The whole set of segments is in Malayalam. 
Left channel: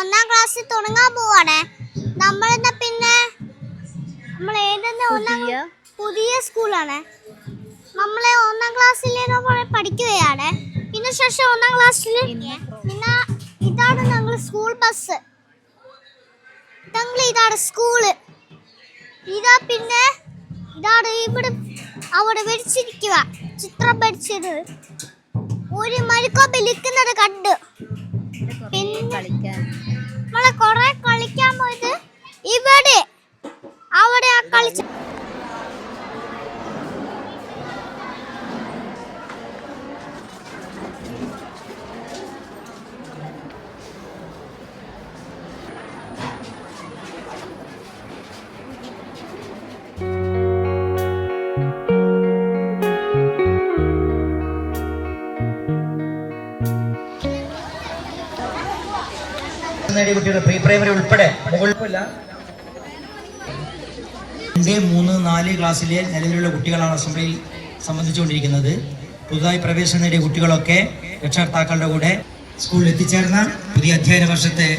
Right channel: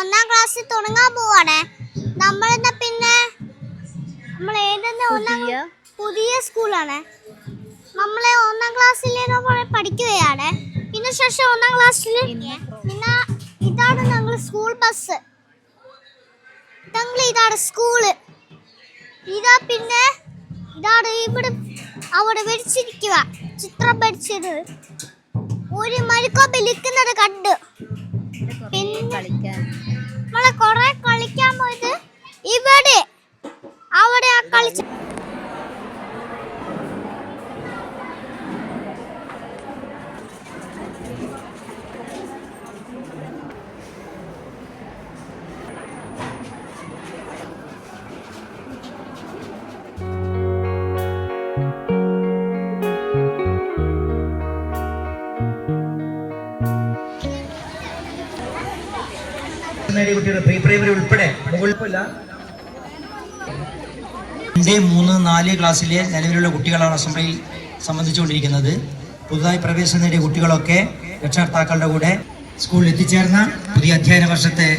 ഒന്നാം ക്ലാസ്സിൽ തുടങ്ങാൻ പോവാണ്. നമ്മളെന്നാ പിന്നെ നമ്മൾ പുതിയ സ്കൂളാണ്. നമ്മളെ ഒന്നാം ക്ലാസ്സിൽ പഠിക്കുകയാണ്. പിന്നെ ശേഷം ഒന്നാം ക്ലാസ്സിൽ പിന്നെ ഇതാണ് ഞങ്ങൾ സ്കൂൾ ബസ്. ഇതാണ് സ്കൂള്. ഇതാ പിന്നെ ഇതാണ് ഇവിടെ അവിടെ വരച്ചിരിക്കുക ചിത്രം വരച്ചത്. ഒരു മരുക്കോ വിളിക്കുന്നത് കണ്ട് നമ്മളെ കൊറേ കളിക്കാൻ പോയത് ഇവിടെ അവിടെ കളിച്ച പ്രീ പ്രൈമറി ഉൾപ്പെടെ 2, 3, 4 ക്ലാസ്സിലെ നിലവിലുള്ള കുട്ടികളാണ് അസംബ്ലിയിൽ സംബന്ധിച്ചുകൊണ്ടിരിക്കുന്നത്. പുതുതായി പ്രവേശനം നേടിയ കുട്ടികളൊക്കെ രക്ഷകർത്താക്കളുടെ കൂടെ സ്കൂളിൽ എത്തിച്ചേർന്ന പുതിയ അധ്യയന വർഷത്തെ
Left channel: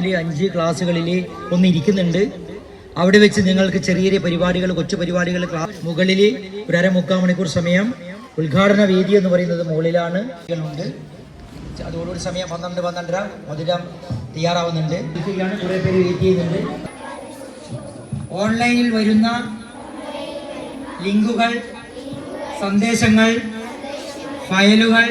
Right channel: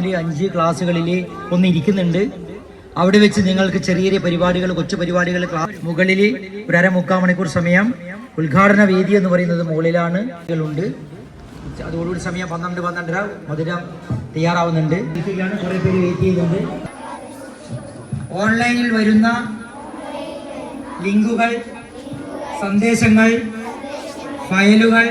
നാല് 5 ക്ലാസ്സുകളിൽ ഒന്ന് ഇരിക്കുന്നുണ്ട്. അവിടെ വെച്ച് നിങ്ങൾക്ക് ചെറിയ പരിപാടികൾ, കൊച്ചു പരിപാടികൾ മുകളിൽ ഒരു 1/4 മണിക്കൂർ സമയം. ഉദ്ഘാടന വേദി എന്ന് പറയുന്നത് മുകളിലാണ് ഉണ്ട്. അതോടുകൂടി സമയം 12:30 മധുരം തയ്യാറാവുന്നുണ്ട്. കുറെ പേര് വെയിറ്റ് ചെയ്യുന്നുണ്ട്. ഓൺലൈനിൽ വരുന്ന ലിങ്കുകൾ, സന്ദേശങ്ങൾ, ഫയലുകൾ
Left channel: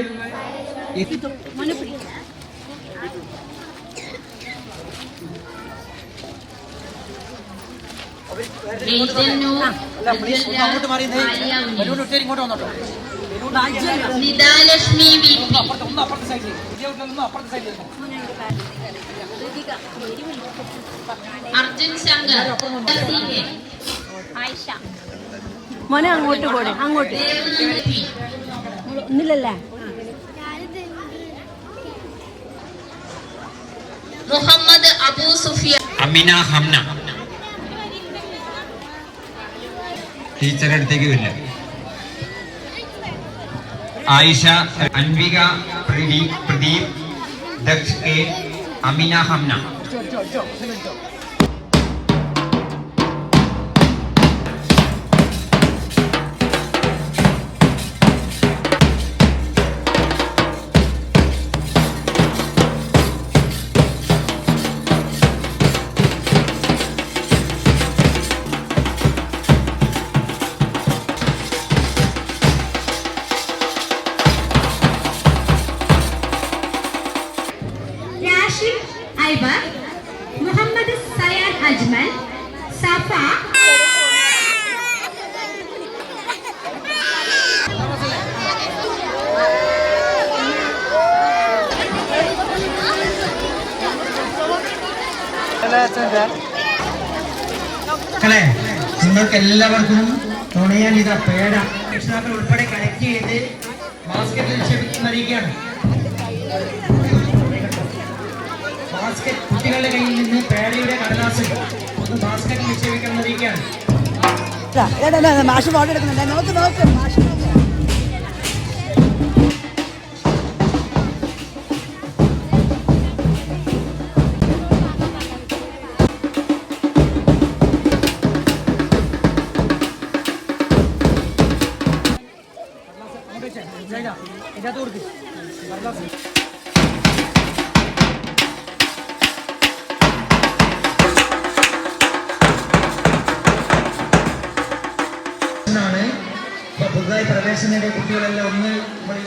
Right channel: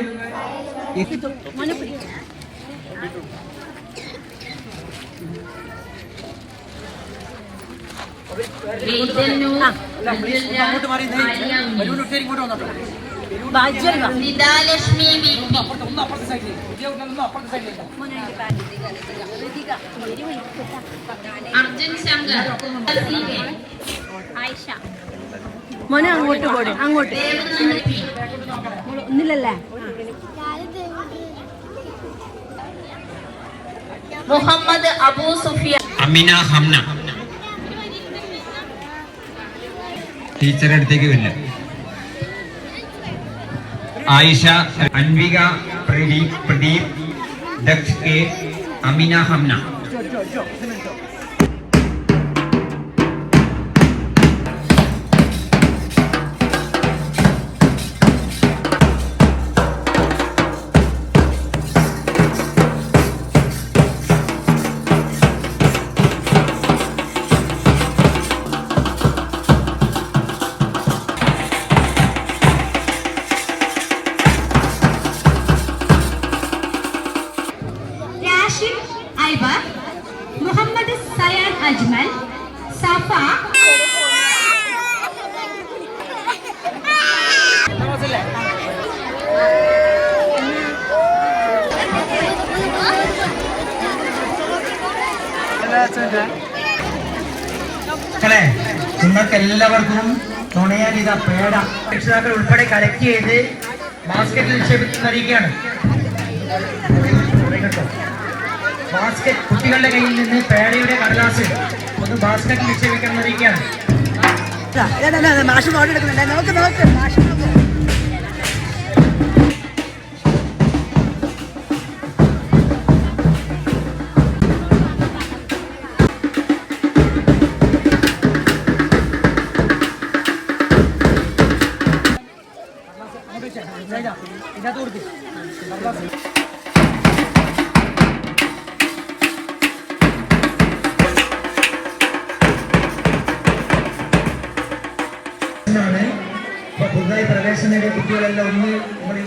നിദാലക്ഷ്മി അർജുൻ ശങ്കർ മോനെ അങ്ങോട്ട് പോടെ, അങ്ങോട്ട് ഒന്നില്ലല്ലേ. മുഹമ്മദ് അബൂ സുഫിയാൻ, അമിന ഹംന ടീച്ചറുടെ അടുത്തേക്ക് വരില്ല. ആയിഷ, അൻവിക, പ്രദീപ്, ദക്ഷ് കെ, അമിന ഹംന. മുഹമ്മദ് സയാദ് അജ്മൽ, സഫ, നിങ്ങൾക്ക് എല്ലാവർക്കും തുണയാൻ ഇതാ പേട രക്ഷിതാക്കൾ ഉൾപ്പെടെ കളക്ട് ചെയ്ത് ബാസ്കറ്റിൽ നിക്ഷേപിക്കുന്നറിയിക്കുകയാണ്. ബാസ്കറ്റ് കുട്ടികളുടെ കയ്യിൽ നിന്ന് പേടയുടെ കടലാസ് ഒന്ന് ബാസ്കറ്റിൽ നിക്ഷേപിക്കുന്നറിയിക്കുകയാണ്. മാഷ് ഫോട്ടോ എടുക്കുന്നുണ്ട്. നോക്ക് മാഷ് ഇതിനകത്ത് കൊടുക്ക്. പുതുതായി പ്രവേശനം നേടിയ കുട്ടികളെല്ലാം ഒന്ന്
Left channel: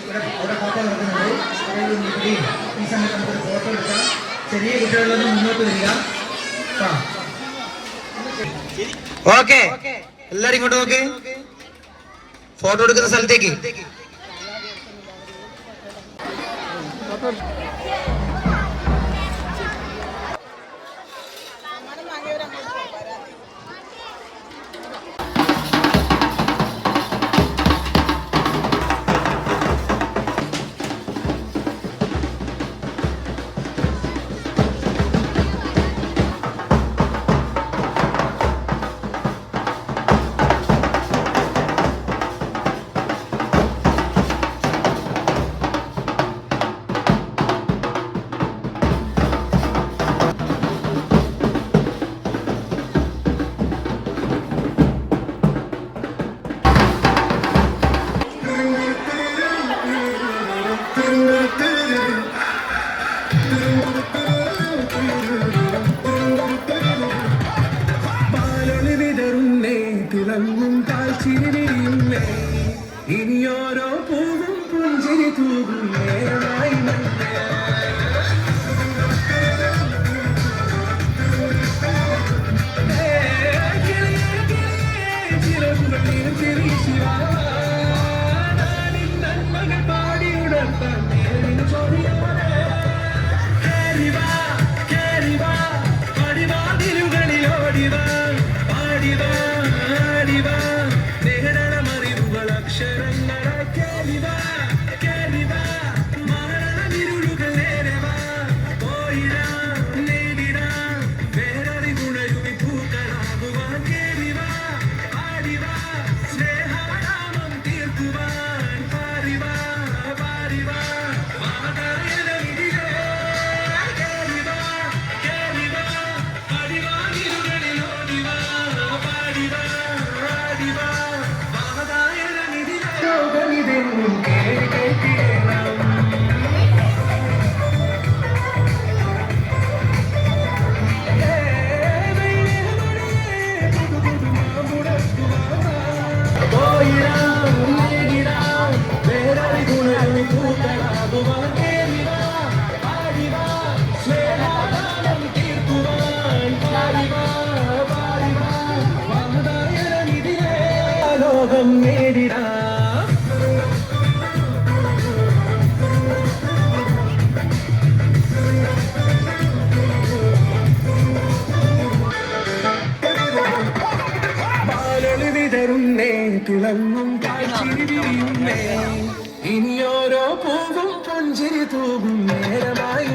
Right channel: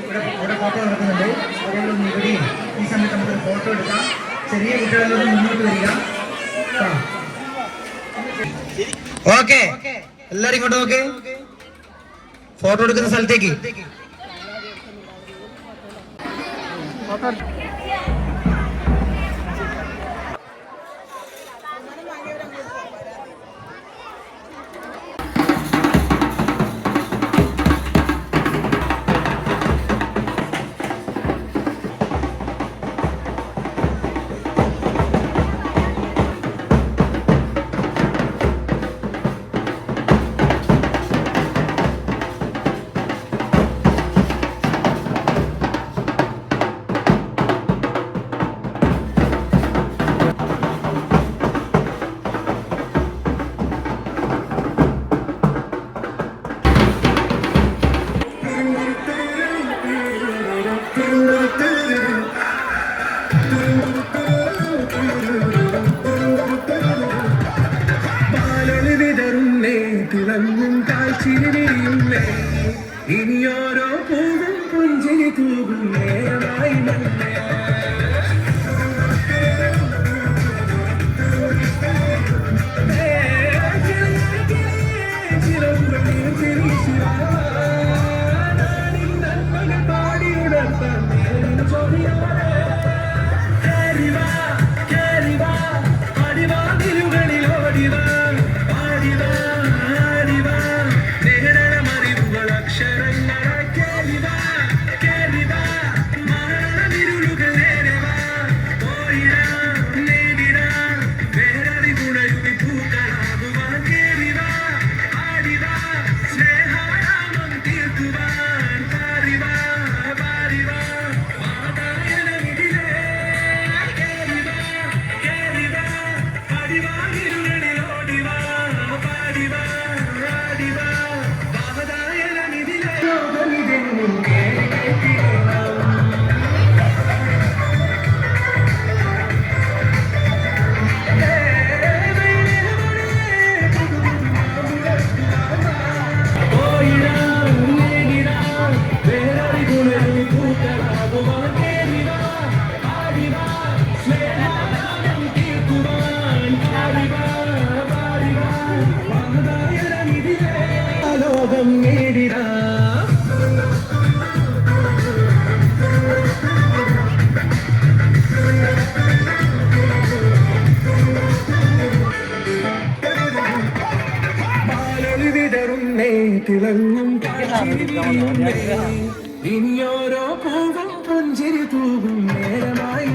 ഇവിടെ ഫോട്ടോ നടക്കുന്നുണ്ട്. അതുകൊണ്ട് ഇവിടെയും ഈ സമയത്ത് നമുക്കൊരു ഫോട്ടോ എടുക്കാം. ചെറിയ കുട്ടികളൊന്ന് മുന്നോട്ട് വരിക. ഓക്കെ, എല്ലാരും ഇങ്ങോട്ട് നോക്ക്. ഫോട്ടോ എടുക്കുന്ന സ്ഥലത്തേക്ക് ഇനിയോരോ പൂവും പുഞ്ചിരി തൂകും നേരമായി ഇനിയോരോ പൂവും പുഞ്ചിരി തൂകും നേരമായി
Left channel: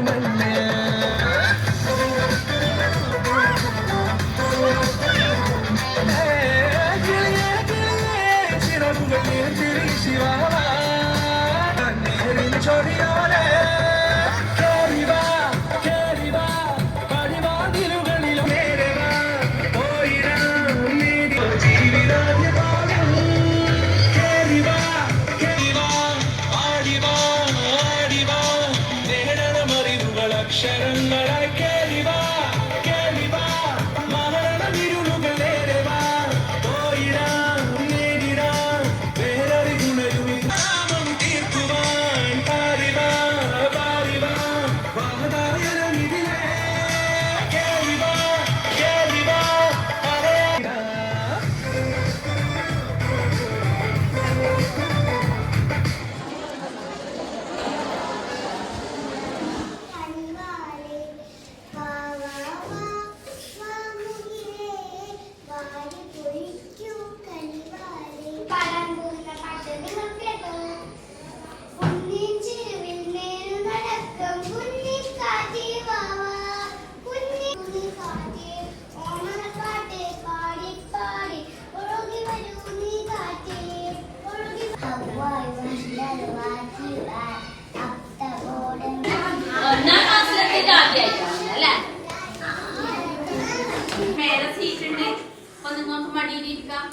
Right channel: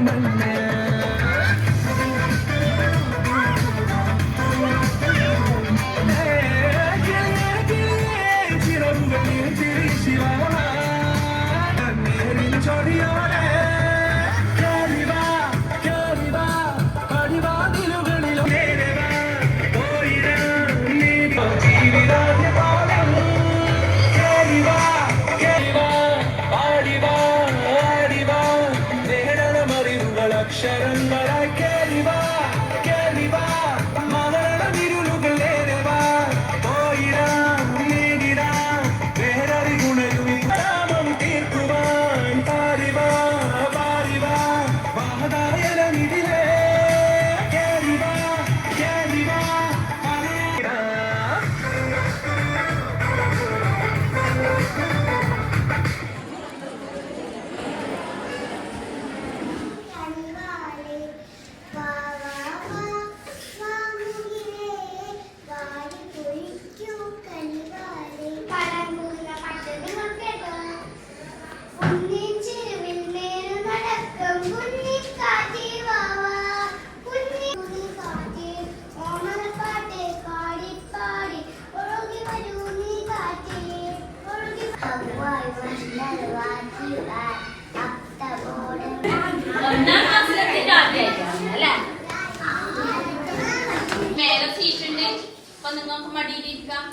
മേലെ സീറ്റ് ഉണ്ട്. അപ്പൊ നിങ്ങൾക്ക് മടിയിലിരിക്കാം.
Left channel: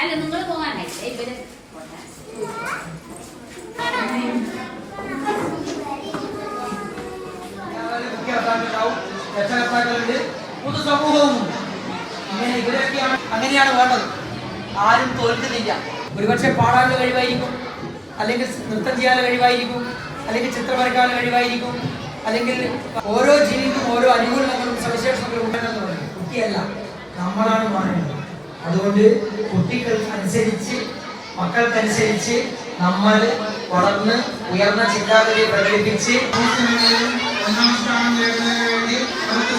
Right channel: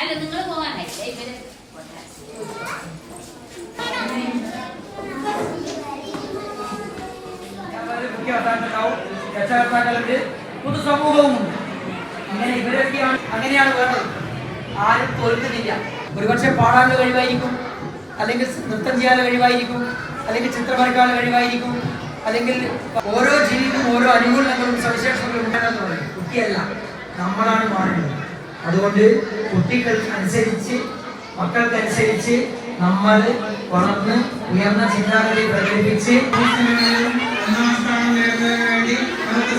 അല്ല നിങ്ങൾ പോകാനായില്ലേ ഇവര് രക്ഷകർത്താക്കളുണ്ട്, പൊതുസമൂഹവുമുണ്ട്. ഇങ്ങനെ ഇവരൊക്കെയാണ് അങ്ങനെയാണ് വേണ്ടത്. ആരും തോൽക്കുന്നില്ല. ഒരുപക്ഷെ പാടാനുള്ള കഴിവായിരിക്കും, അല്ലെങ്കിൽ നൃത്തം ചെയ്യാനുള്ള കഴിവായിരിക്കും, അല്ലെങ്കിൽ ചിത്രം വരയ്ക്കാനുള്ള കഴിവായിരിക്കും, അല്ലെങ്കിൽ ഓരോ ജീവിക്കും ഓരോ അനുകൂലങ്ങളും സവിശേഷതകളും ഉണ്ടെന്ന് പറയും. കുട്ടിയല്ല, നമ്മളാണ് മാറേണ്ടത്. അതുകൊണ്ട് കുട്ടികൾക്കനുസരിച്ച് മക്കൾക്കനുസരിച്ച് നമ്മൾ വളർന്ന് ഉയർന്ന ചിന്താഗതി പ്രകടിപ്പിച്ച് ഒന്നാം സ്ഥാനം നേടുന്നതിന് വേണ്ടി നമുക്ക്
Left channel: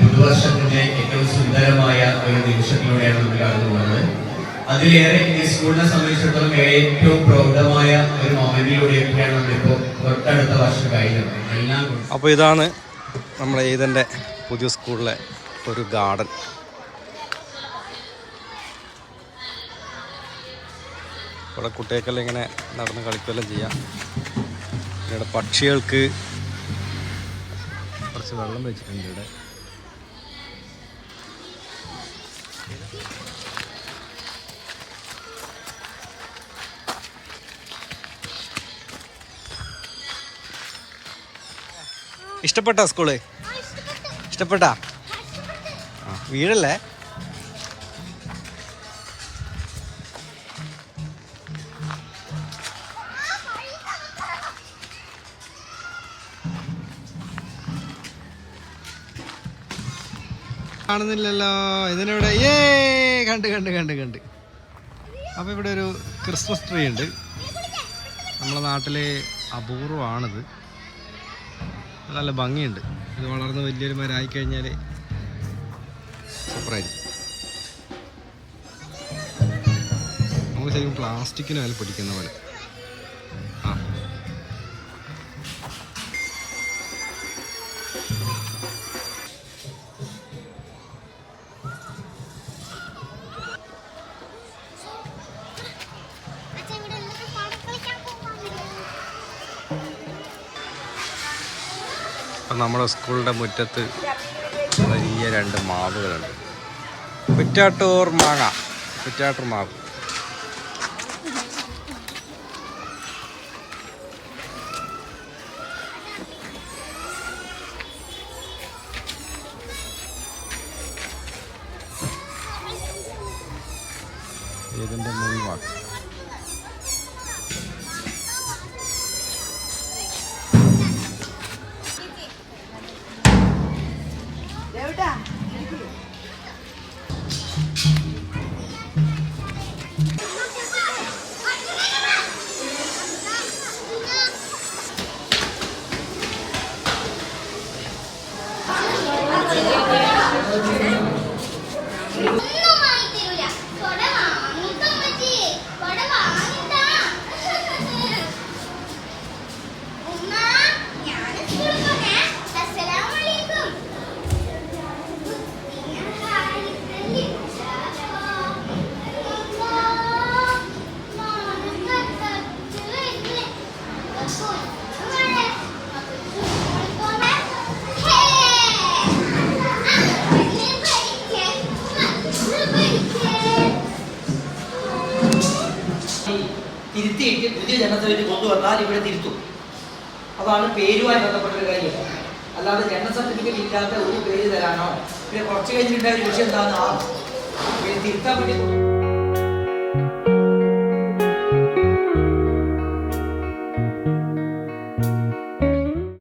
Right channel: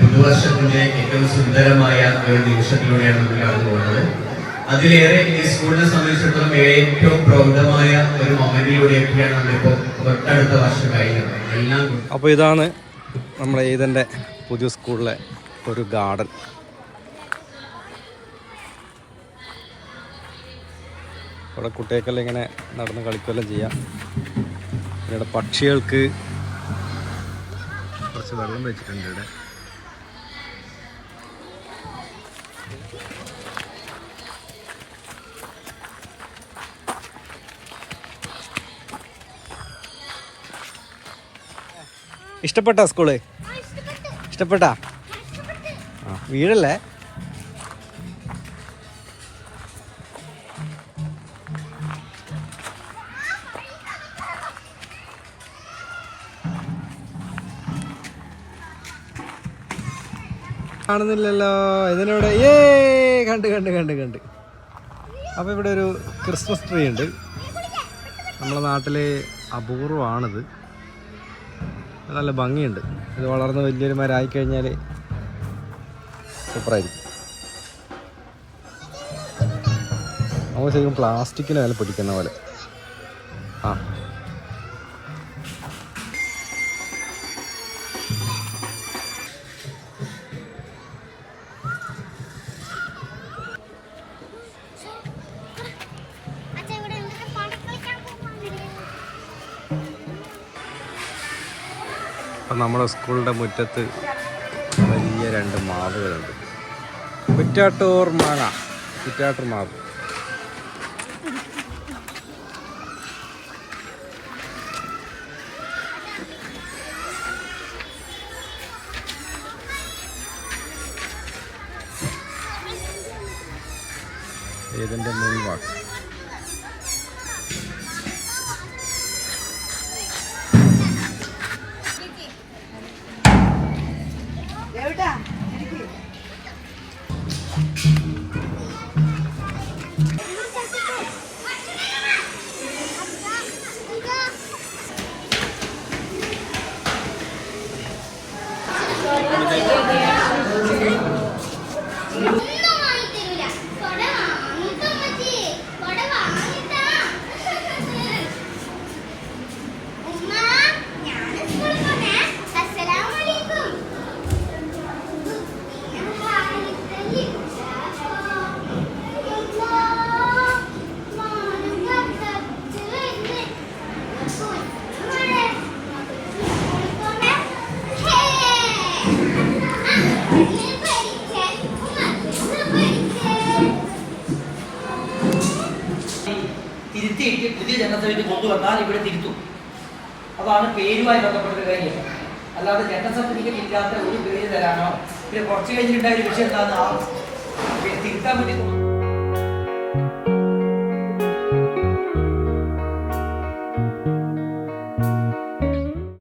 പുതുവർഷത്തിന്റെ ഏറ്റവും സുന്ദരമായ ഒരു നിമിഷത്തിലൂടെയാണ് നമ്മൾ കടന്നു പോകുന്നത്. അതിലേറെ ഈ സ്കൂളിനെ സംബന്ധിച്ചിടത്തോളം ഏറ്റവും പ്രൗഢമായ ഒരു മൊമെന്റിലൂടെയൊക്കെയാണ് നമ്മളിപ്പോൾ തൊട്ടടുത്ത വർഷം കഴിഞ്ഞത്. എല്ലാം അപ്പോൾ ഇതാണ് നമ്മുടെ ഈദൻ്റെ പുതിയ സ്കൂളിലെ ഒരു ഗാർഡൻ. ഇവിടെ കുട്ടികൾക്കെല്ലാം ഇങ്ങനെ നടന്ന് കളിക്കുകയെല്ലാം ചെയ്യാം. ഇവിടെ പക്ഷികൾക്ക് കുറച്ച് വെള്ളം വെച്ചിട്ടുണ്ട്. ഇവിടെ ഇഷ്ടപ്പെട്ടോ സ്കൂള്? ഇഷ്ടപ്പെട്ടാ? ആ, വീടല്ലേ? കാണുന്നില്ലല്ലോ. ഇതിനിവിടെ കണ്ട് അപ്പോൾ ഇവിടെ ഒരു ക്രിസ്മസ് ട്രീ ഉണ്ട്. നമ്മളെ നാട്ടിലെ അപൂർവമാണിത്. നല്ല ഭംഗിയുണ്ട്. ഇത് വളർന്ന് വലിയൊരു മരമായി കഴിഞ്ഞാൽ സൂപ്പറായിരിക്കും. നമുക്ക് ശരിക്കും പ്ലാസ്റ്റിക്കിന് വില പിടിക്കുന്ന പോലെ. ആ അപ്പം നമ്മുടെ സ്കൂളിൻ്റെ മുറ്റത്ത് വലിയ 2 മാവുകളുണ്ട്. കുറ്റാട്ടൂർ മാവ്. ഇതിൻ്റെ മുൻവാക്ക്. തിരുത്തിയിട്ട് പുതിയ ജനസഭയിൽ കൊണ്ടുവന്നാൽ ഇവിടെ തിരുത്തും. അതാണ് പേരുമായി ബന്ധപ്പെട്ട കാര്യം. അല്ലാതെ ജനന സർട്ടിഫിക്കറ്റ് ഇല്ലാത്ത ഒരു പേര് തരാനോ പിന്നെ കുറച്ച് കഴിഞ്ഞിട്ടുണ്ടായ വിഷയം എന്താണെന്ന് തിരുത്താൻ വേണ്ടി